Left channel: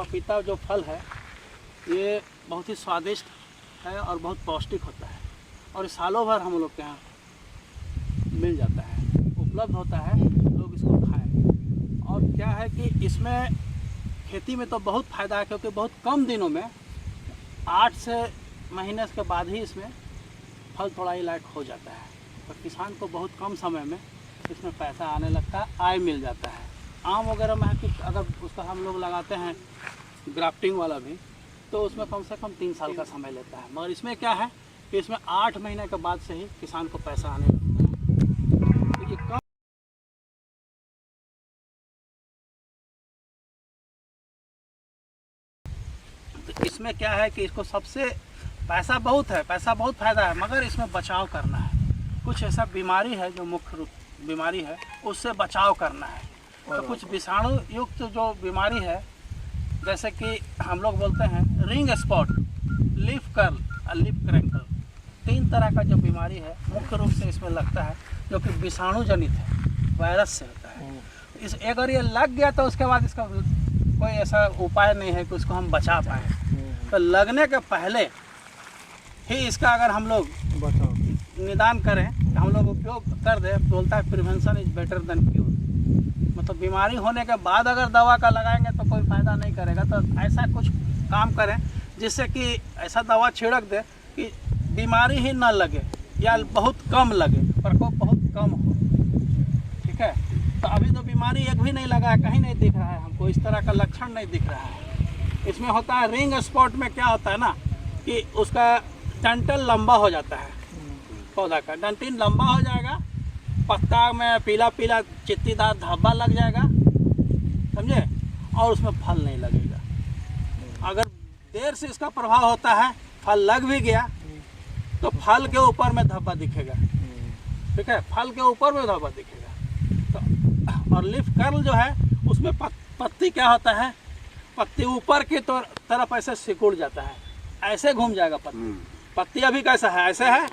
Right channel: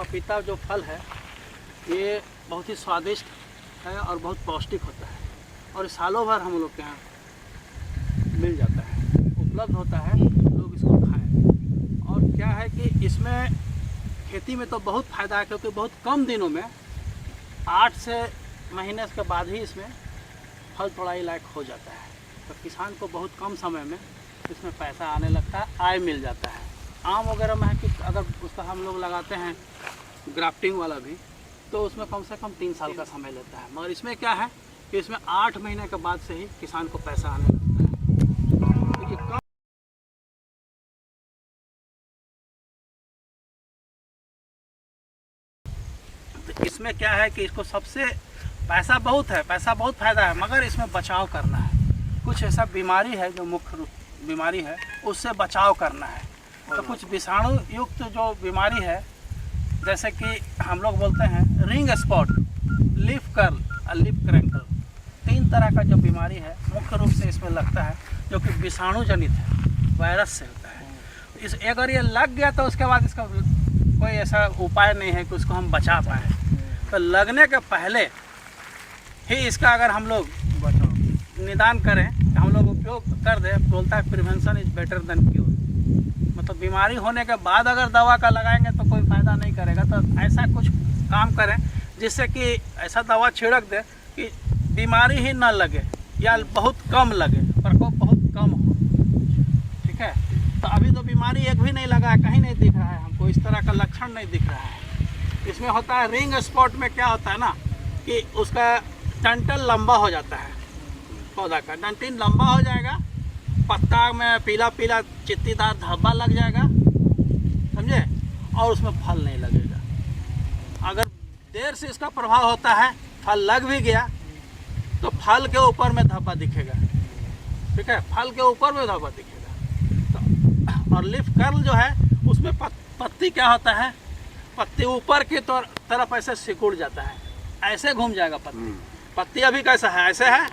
पपीता जो फल है ये बहुत ही स्वादिष्ट है और बहुत पौष्टिक होता है और सालों भर हम लोग के यहाँ मिल जाता है, उपलब्ध होता है, लोग इसको खाएं। और क्या है कि इसमें खेती में तो बहुत फ़ायदा है क्योंकि बहुत कम दिनों में 8 से महीने के बाद ही इसमें फल तोड़ाई लायक हो जाता है। तो किसान को बहुत कम समय में इसमें पैसा आने लगता है, आय मिल जाता है। आम वगैरह में है कि अगर उसका हम लोग लगाते हैं ग्राफ्टिंग वाला भी तो उसमें कम से कम 3 साल का समय लेता है, मगर इसमें क्या है कि इसमें 8 महीने के बाद से ही किसान को पैसा आने लगता है। तो ये कम तो इसमें क्या है कि इसको सबसे पैसा बहुत है, पैसा बहुत फ़ायदा है, मगर इसमें बचाव करना है। कुछ ऐसा बीमारी है जो मुख्य रूप बीमारी है उससे बचाव करना है। तो कुछ विषाणु युक्त जो बीमारी है जैसे कि हम लोग बोलते हैं रिंग स्पॉट, लीफ कर्ल और लीफ क्रैंकल, 3 तरह का जो बीमारी है मुख्य रूप से इसमें लगता है जो कि विषाणु जनित है, वायरस से होता है। इस अगर ये लग गया तो उसके बाद इसका कोई ऐसा उपाय नहीं है कि उसको हम बचा पाएँ। तो लगने के पहले ही इसका अगर हम लोग निदान करें, हम लोग उपयोग कर दें, बोलता है prevention is better than cure. मतलब बीमारी होने के बाद अगर दवा का लगाएंगे तो कोई फ़ायदा नहीं करेगा। तो ऐसा कुछ काम करें जिससे कि ऐसा दवा छिड़क दे कि बीमारी ही ना लगे या बहुत कम लगे, प्रकोप बहुत कम हो। ठीक है, तो अभी तो बीमारी एक भी नहीं लगा है, कहीं नहीं दिख रहा है हमको, इस तरह का लक्षण नहीं दिख रहा है। इसमें होता है रिंग स्पॉट में क्या होता है ना कि उसका डंठल लंबा हो जाता है, पौधा का डंठल लंबा हो जाएगा, पत्ता में पीला पीला चित्तीदार धब्बा लग जाएगा, समझे, और उसमें फल नहीं लगेगा। अगर देर से इसका प्रभाव होता है, फल लग भी गया तो फल के ऊपर में धब्बा दिखेगा। ठीक है, फल के ऊपर में धब्बा दिखेगा। तो और लीफ कर्ल जो है उसमें पत्ती क्या होता है, पत्ती ऊपर की तरफ ऐसे सिकुड़ जाता है, ऐसे घूम जाएगा पत्ती। पत्ती अभी कैसा है, ऐसे है,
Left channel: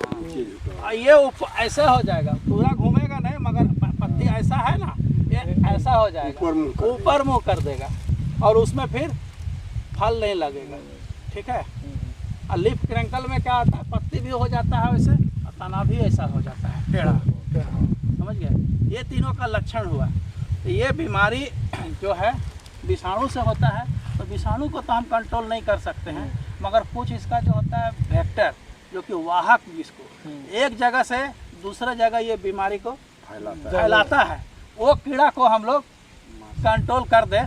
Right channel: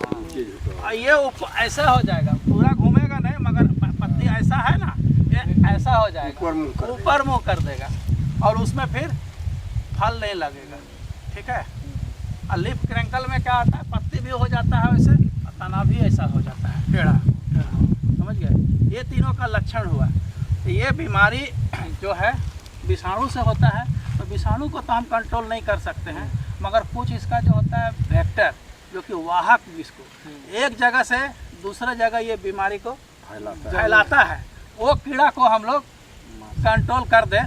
ये ऐसे हो जाएगा, पूरा घूमेगा नहीं मगर पत्ती ऐसा है ना, ये ऐसा हो जाएगा, ऊपर मुंह कर देगा और उसमें फिर फल नहीं लगेगा। ठीक है, और लीफ क्रैंकल में क्या होता है, पत्ती भी हो जाता है वैसे और तना भी ऐसा हो जाता है, टेढ़ा, समझ गए। ये तीनों का लक्षण हुआ। तो ये बीमारी जो है विषाणु से होता है। तो विषाणु को तो हम कंट्रोल नहीं कर सकते हैं, मगर कुछ इसका जो होता है वेक्टर जो कि वाहक, जिसको एक जगह से दूसरा जगह ये बीमारी को फैलाता है, वो कीड़ा को हम लोग कंट्रोल कर दें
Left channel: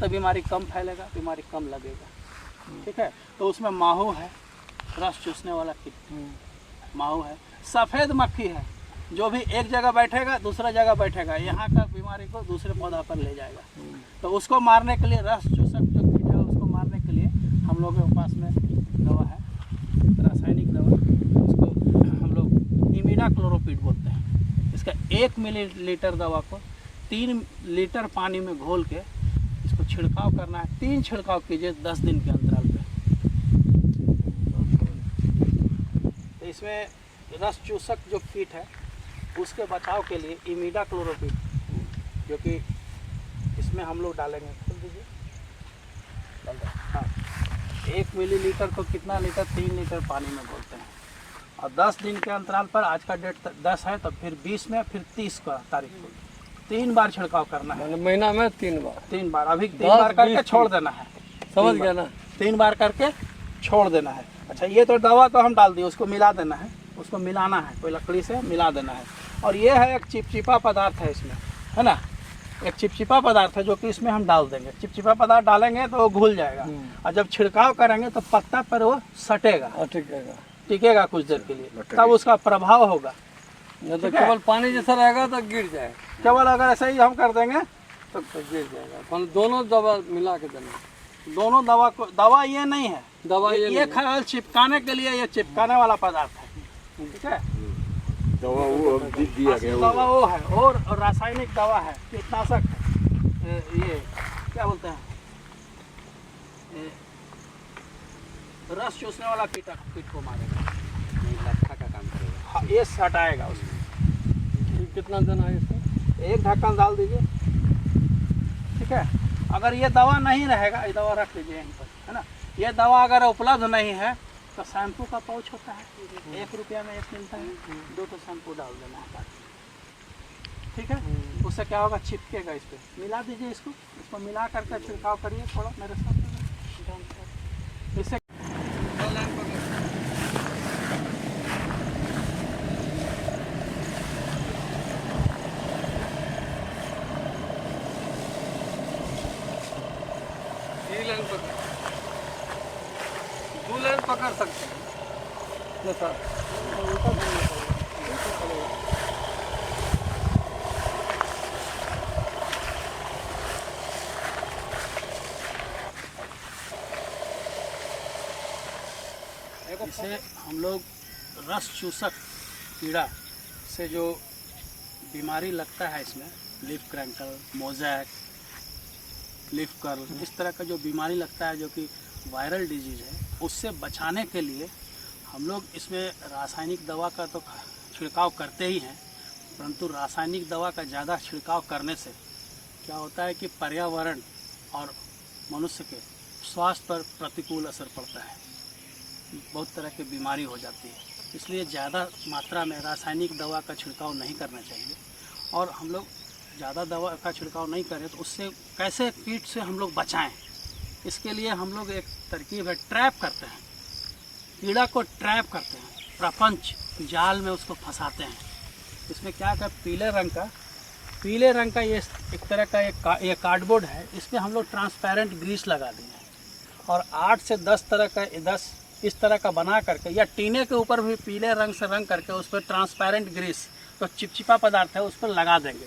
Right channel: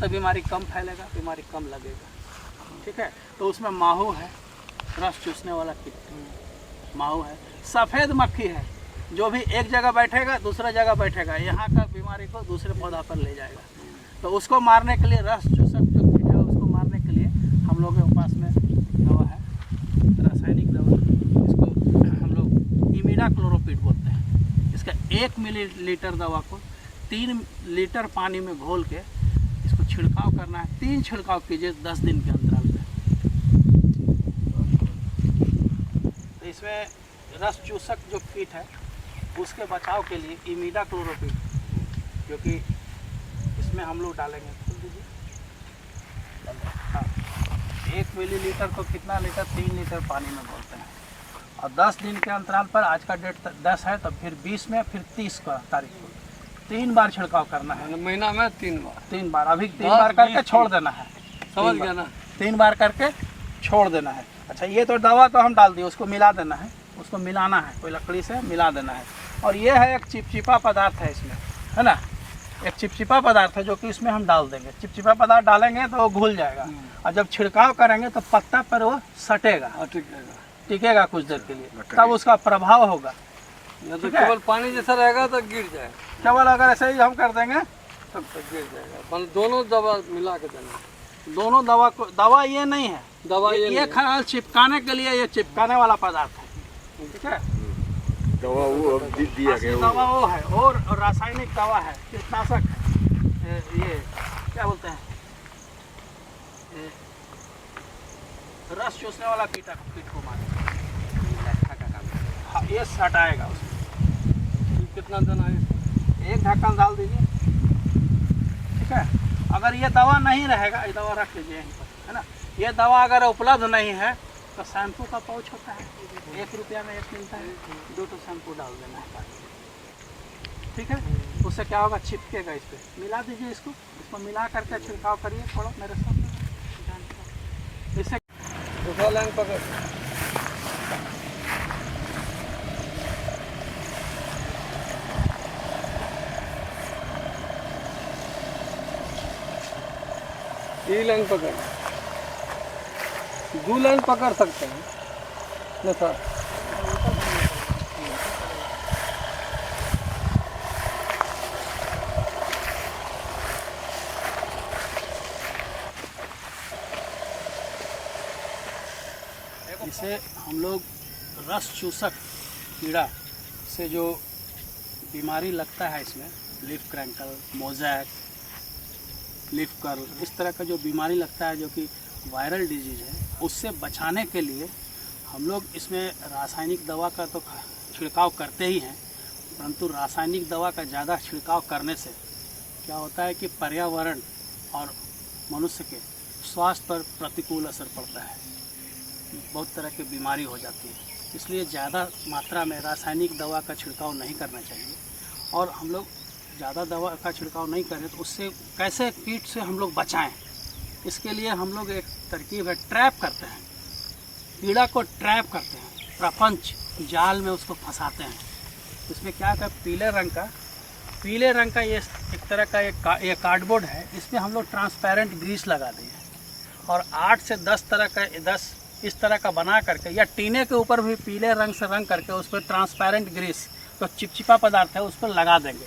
तो बीमारी कम फैलेगा, बीमारी कम लगेगा। ठीक है, तो उसमें माहू है, रस चूसने वाला कीड़ा, माहू है, सफ़ेद मक्खी है, जो भी एक जगह बैठेगा दूसरा जगह बैठेगा, यहाँ का बीमारी को दूसरे पौधा पर ले जाएगा। तो उसको मारने के लिए, रस चूसक जो कीट है उसको मारने के लिए हम लोग के पास में दवा है, रासायनिक दवा, इसको हम लोग इमिडाक्लोरोपिड बोलते हैं। इसका 1 मिलीलीटर दवा को 3 लीटर पानी में घोल के इसको छिड़काव करना है। 3 छिड़काव कीजिए 10 दिन के अंतराल पे। तो इसमें रस चूसक जो कीट है उसके बचाव के लिए इमिडाक्लोरोपिड, जो कि इसमें हम लोग डालेंगे, खोल दीजिए। हाँ, 1 मिलीलीटर को कितना लीटर, 3 लीटर पानी में घोलते हैं और 10 दिन के अंतराल पर, आज का डेट 10 है तो फिर 20 में, फिर 30 का तारीख को 3 बार छिड़काव करना है। महीना में 3 बार, अभी 3 बार करके छोड़ देना है, समझ गया ना, 3 बार करके छोड़ देना है। अच्छा, ये तो दवा तो हम डाल दिए, उसको मिला देना है, उसको मिलाना है, कोई लकड़ी से मिला देना है। और ये है एक चिपचिपा पदार्थ है इसमें, है ना, एक चिपचिपा पदार्थ है जो कि इसमें हम डाल देंगे। चिपचिपा पदार्थ डालेंगे तो वो घुल जाएगा और जब छिड़काव करेंगे तो पत्ता पर वो सटेगा, टिकेगा कुछ देर के लिए, तब उसका प्रभाव होगा। तो केवल पानी जैसा रहेगा तो गिर जाएगा, केवल अगर ऐसे ही हम कर देंगे तो गिर जाएगा। मतलब दोनों दवा मिला के देंगे, दोनों दवा को, दवा ये नहीं है, दवा ये खाली चिपकाने के लिए, ये चिपकाने वाला पदार्थ है। ठीक है, दवा वो दिया गया, दवा वो है, और रासायनिक दवा है, कीटनाशक है, ये क्या बोलते हैं, रस चूसने वाला कीट को मारेगा, लट्ठा का काम करेगा। हाँ, ये सटाएगा उसमें। कितना देना है इसको? 1 ढक्कन डाल दीजिए। ठीक है, अगर ये दवा नहीं रहेगा, ये दवा रख लीजिए यहीं पर, है ना। ये दवा अगर उपलब्ध नहीं है तो शैम्पू का पाउच होता है, 1 रुपया में 1 मिलता है, 2 तो शैम्पू डाल देना है बाकी, ठीक है। उससे क्या होगा, चिपकेगा इस पर, मिला दीजिए इसको मिला करके छिड़काव करिए थोड़ा मेरे सामने। इससे दो लाइन पकड़। तीन लाइन पकड़, 2 लाइन पकड़ सकते हैं ना सर। इसे हम लोग रस चूसक कीड़ा से जो बीमारी लगता है इसमें, लीफ क्रैंकल, मोजैक, लीफ कर्ल, इस तरह का जो बीमारी लगता है जो कि वायरल डिजीज़ है, उससे बचाने के लिए हम लोग इसमें रासायनिक दवा का तो छिड़काव करते ही हैं, परंतु रासायनिक दवा का ज़्यादा छिड़काव करने से क्या होता है कि पर्यावरण और मनुष्य के स्वास्थ्य पर प्रतिकूल असर पड़ता है, बहुत तरह की बीमारी हो जाती है। इसलिए ज़्यादा मात्रा में रासायनिक दवा का छिड़काव नहीं करना चाहिए। और हम लोग ज़्यादा दवा का छिड़काव नहीं करें तो उससे कैसे कीट से हम लोग बचाएं, इसके लिए हम लोग एक तरकीब है, ट्रैप करते हैं, कीड़ा को ट्रैप करते हैं, प्रपंच जाल में उसको फंसाते हैं। इसमें क्या है, पीले रंग का ये एक तरह का ये कार्डबोर्ड है, इस पर हम लोग ट्रांसपेरेंट ग्रीस लगा दिए और 8 से 10 तरह का 10 इस तरह का बना करके, या टीने के ऊपर भी पीले रंग से रंग करके उस पर ट्रांसपेरेंट ग्रीस तो चिपचिपा पदार्थ है उस पर लगा देंगे।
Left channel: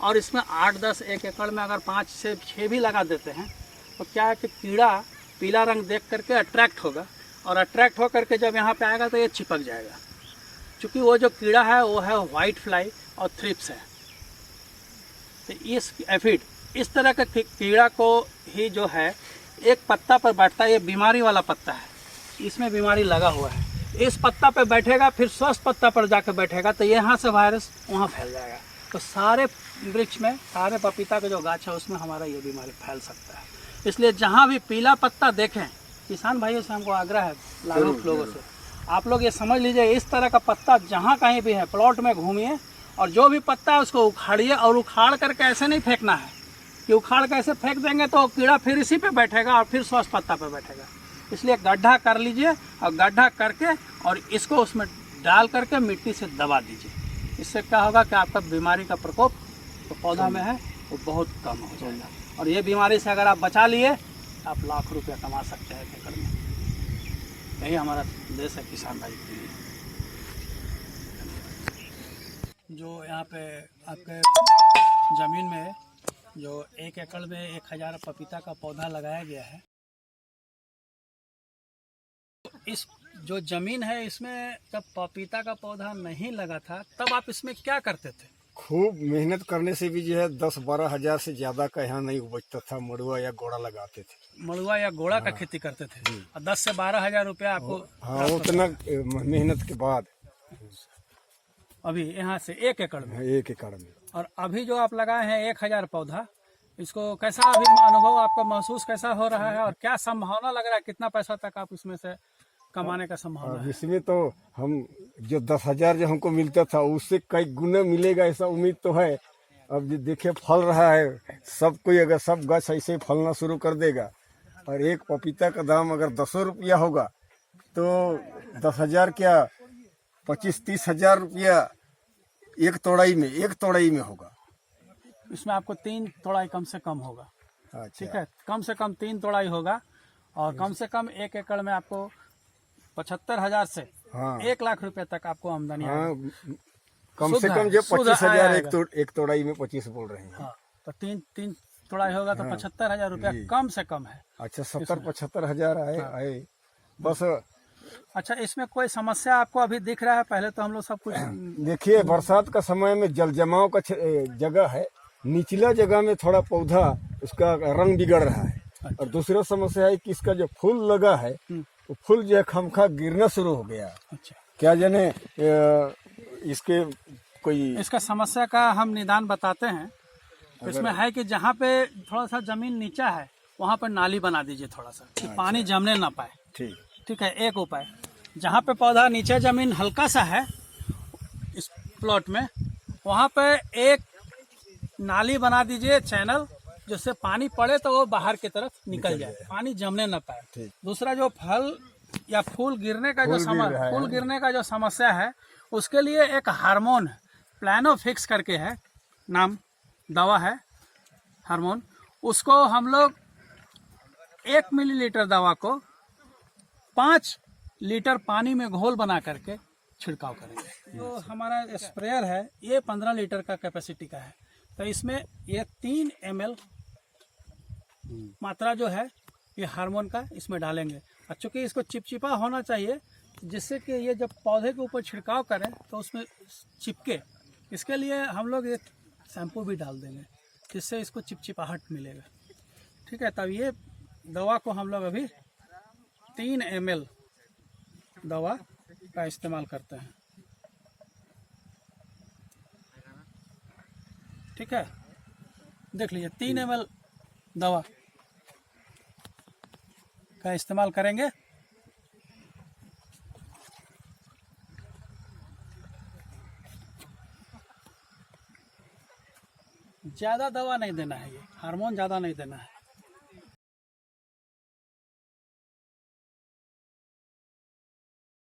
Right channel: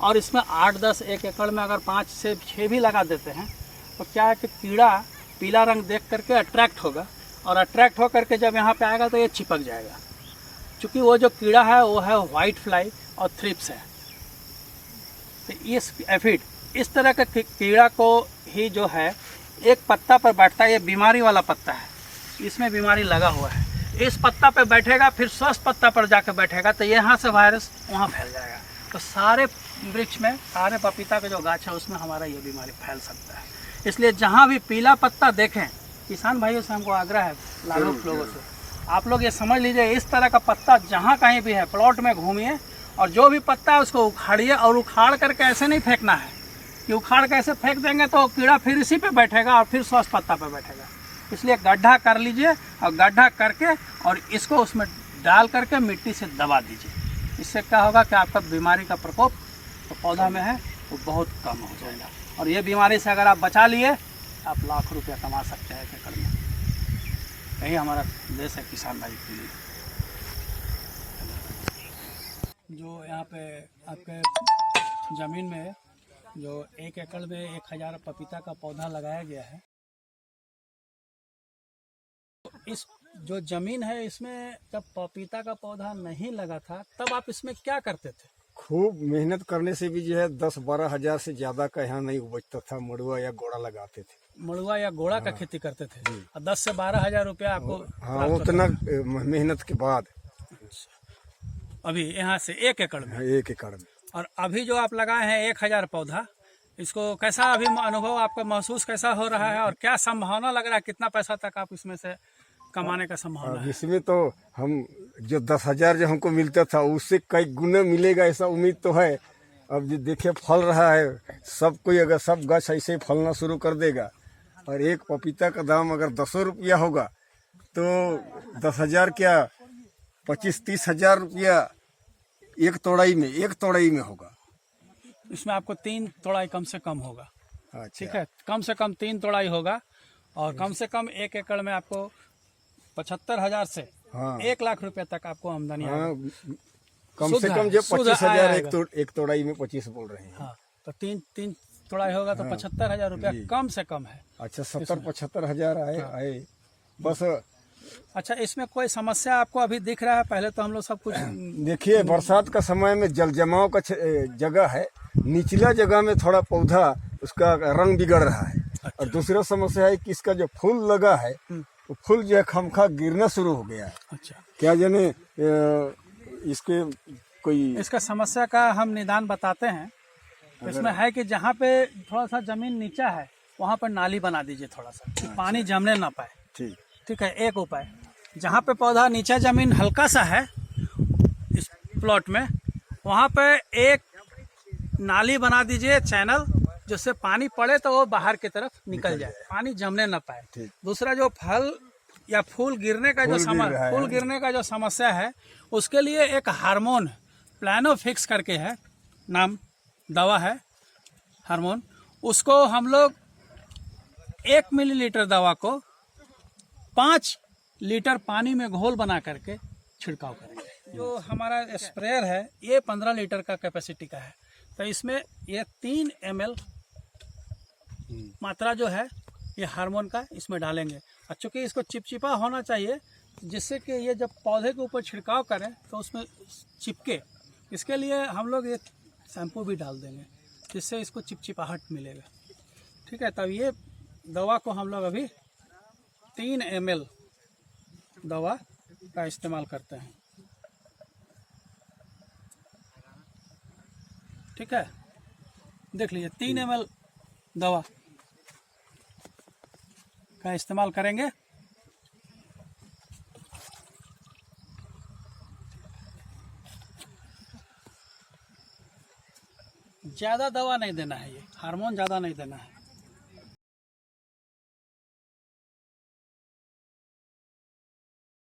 और इसमें 8-10 एक एकड़ में अगर 5 से 6 भी लगा देते हैं तो क्या है कि कीड़ा पीला रंग देख करके अट्रैक्ट होगा, और अट्रैक्ट होकर के जब यहाँ पे आएगा तो ये चिपक जाएगा। क्योंकि वो जो कीड़ा है वो है वाइट फ्लाई और थ्रिप्स है। तो इस एफिड इस तरह के कीड़ा को ही जो है एक पत्ता पर बैठता है, ये बीमारी वाला पत्ता है, इसमें बीमारी लगा हुआ है, इस पत्ता पे बैठेगा, फिर स्वस्थ पत्ता पर जाकर बैठेगा तो यहाँ से वायरस वहाँ फैल जाएगा। तो सारे वृक्ष में, सारे पपीता के जो गाछ है उसमें हमारा ये बीमारी फैल सकता है। इसलिए जहाँ भी पीला पत्ता देखें, किसान भाइयों से हमको आग्रह है, लाभुक लोगों से, आप लोग ये समझ लीजिए, इस तरह का पत्ता जहाँ कहीं भी है प्लॉट में घूमिए और जो भी पत्ता है उसको उखाड़िए, और उखाड़ करके ऐसे नहीं फेंकना है कि उखाड़ के ऐसे फेंक देंगे तो कीड़ा फिर इसी पे बैठेगा और फिर स्वस्थ पत्ता पे बैठेगा। इसलिए गड्ढा कर लीजिए और गड्ढा करके और इसको उसमें डाल करके मिट्टी से दबा दीजिए। इससे क्या होगा कि आपका बीमारी का प्रकोप तो पौधा में है वो बहुत कम हो जाएगा। और ये बीमारी से अगर आप बचा लिए आप लाख रुपया कमा सकते हैं एकड़ में। यही हमारा देश है किसान भाई के लिए। जो यहाँ पे आपके ज़मीन में जो 1 एकड़ में 1000 पपीता का पौधा लगाया गया है, इस जो ज़मीन है इसमें जब पपीता का पौधा नहीं लगा था तब आप इसमें क्या करते थे? खूब मेहनत करने से भी जो है 10-12 हजार से ज्यादा का यहाँ नहीं उपजता था। मड़ुआ या गोड़ा लगाते थे, मड़ुआ या गोड़ा का खेती करते थे और 10 से 12 हजार रुपया आपको। हाँ, उतना मेहनत के बाद अभी यहाँ से 1 एकड़ में 1 एकड़ में। और अभी जो आप लगाए हैं 1000 पौधा, इसको कैसा अभी अनुभव आपका महसूस कैसा हो रहा है और क्या संभावना लग रहा है, कितना पैसा तक आप इसमें से कमाने का संभावना है? इसमें तो हम जो 10,000 जो हमको मिलता था उससे कई गुना मिलेगा ऐसा उम्मीद तो है। अब जो देखे फल रहा है, सब कोई अगर सब गाछ ऐसे ही फलना शुरू कर देगा और एक पपीता का दाम अगर 10 रुपया होगा तो 10,000 क्या 25-30 हजार रुपया एक तोड़ाई में होगा। इसमें आपको 3 तोड़ाई कम से कम होगा। अच्छा। ठीक है, कम से कम 3 तोड़ाई होगा और कम से कम 1 एकड़ में आपको 75,000 से 1 लाख रुपए तक आपको आमदनी। हाँ, कम से कम जो 25,000 एक तोड़ाई में 25 बोल रहे हैं। हाँ, तो 3 तोड़ाई होगा तो 75,000 रुपया कम से कम है। अच्छा, 70-75 हजार आए बस। अच्छा, इसमें कोई समस्या आपको अभी दिख रहा है? पहले तो हम लोग सब कुछ देखिए, बरसात का समय में जल जमाव का जगह है, निचला जगह में थोड़ा पौधा उसका रंग बिगड़ रहा है। अच्छा। और दूसरा समस्या है कि इसका जो फूल लगा है वो फूल जो है खमखा गिरना शुरू हो गया है। अच्छा, क्या जाने इसके कोई इसका समस्या का हम निदान बताते हैं तो इसमें है कि जहाँ पे थोड़ा सा जमीन नीचा है वहाँ पर नाली बना दीजिए थोड़ा सा, कि पानी जमने ना पाए। ठीक। ठीक है, एक उपाय। जहाँ पे पौधा नीचा जमीन हल्का सा है इस प्लॉट में, वहाँ पे एक नाली बना दीजिए, चैनल, जिससे पानी पड़े तो वो बाहर की तरफ निकल जाए, पानी जमने ना पाए। ठीक। दूसरा, जो फल या फूल गिरने का जो फूल गिरने का जो समस्या है, उसके लिए एक हार्मोन प्लानोफिक्स करके है, नाम दवा है हार्मोन, उसको हम लोग 1 मिलीलीटर दवा को 5 लीटर पानी में घोल बना करके छिड़काव करेंगे। जो हमारा स्प्रेयर है ये 15 लीटर का कैपेसिटी का है, तो इसमें ये 3 ml मात्रा जो है ये हार्मोन का इसमें डालेंगे। और चूँकि इसको चिपचिपा होना चाहिए, जिससे कि ये जब पौधे के ऊपर छिड़काव करें तो उसमें चिपके, इसके लिए हम लोग ये शैम्पू भी डाल देंगे, जिससे इसको चिपचिपाहट मिलेगा। ठीक है, तब ये दवा को हम लोग अभी 3 ml दवा का इस्तेमाल करते हैं। ठीक है, देख लीजिए 3 ml दवा का इस्तेमाल करेंगे। ज़्यादा दवा नहीं देना है, ये हार्मोन ज़्यादा नहीं देना है।